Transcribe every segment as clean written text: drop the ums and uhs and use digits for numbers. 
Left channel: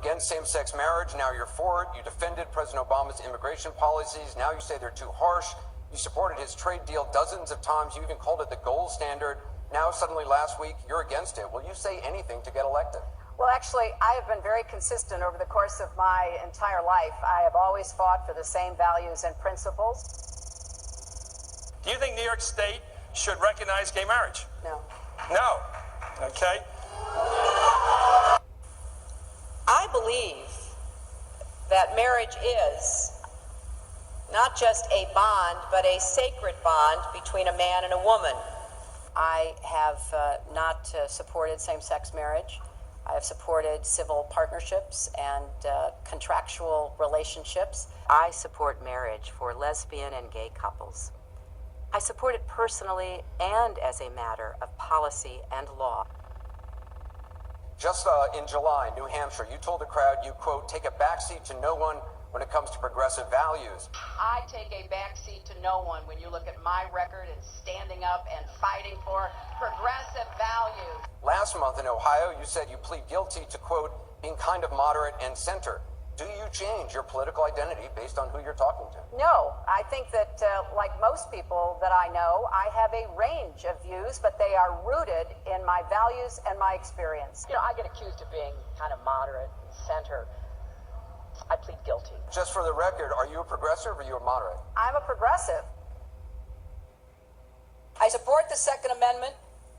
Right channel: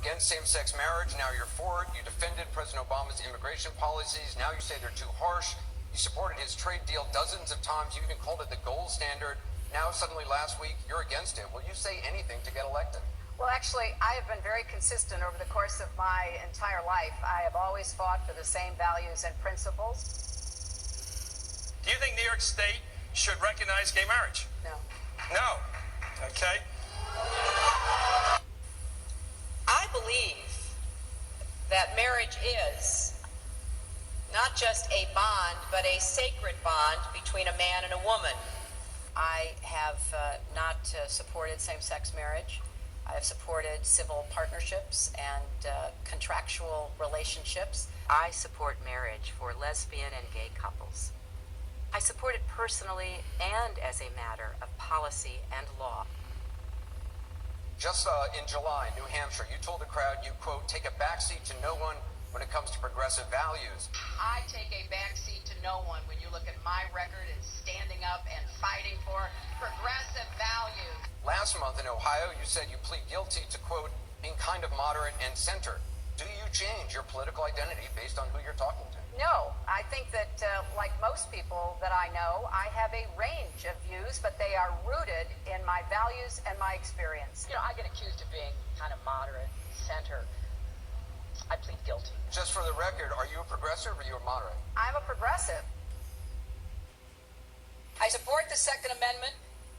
against same-sex marriage, now you're for it. You defended President Obama's immigration policies, now you say they're too harsh. You supported his trade deal dozens of times. You even called it the gold standard. Now suddenly last week, you're against it. Will you say anything to get elected? Well, actually, I have been very consistent over the course of my entire life. I have always fought for the same values and principles. Do you think New York State should recognize gay marriage? No. No. Okay. I believe that marriage is not just a bond, but a sacred bond between a man and a woman. I have not supported same-sex marriage. I have supported civil partnerships and contractual relationships. I support marriage for lesbian and gay couples. I support it personally and as a matter of policy and law. Just in July, New Hampshire, you told the crowd you, quote, take a backseat to no one when it comes to progressive values. I take a backseat to no one when you look at my record in standing up and fighting for progressive values. Last month in Ohio, you said you plead guilty to, quote, being kind of moderate and center. Do you change your political identity based on who you're talking to? No, I think that, like most people that I know, I have a range of views, but they are rooted in my values and my experience. You know, I get accused of being kind of moderate, center. I plead guilty. Just for the record, are you a progressive or are you a moderate? I'm a progressive. I support the Second Amendment.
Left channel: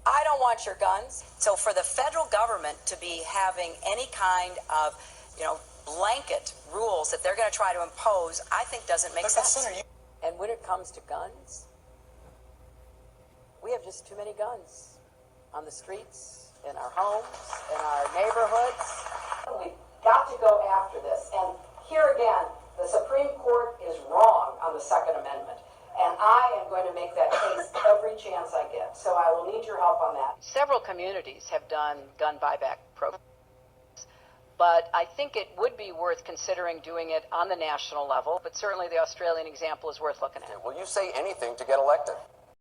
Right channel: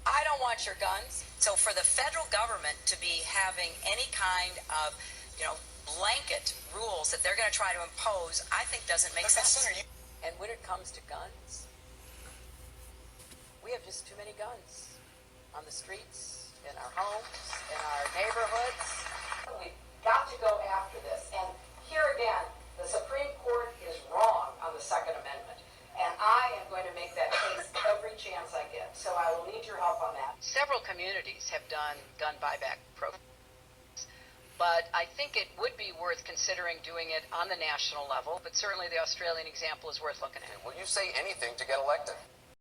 I don't want your guns. So for the federal government to be having any kind of, blanket rules that they're going to try to impose, I think doesn't make sense. And when it comes to guns, we have just too many guns on the streets, in our homes, in our neighborhoods. We've got to go after this. And here again, the Supreme Court is wrong on the Second Amendment. And I am going to make that case every chance I get. So I will need your help on that. Several communities have done gun buyback programs. But I think it would be worth considering doing it on the national level. But certainly the Australian example is worth looking at. Will you say anything to get elected?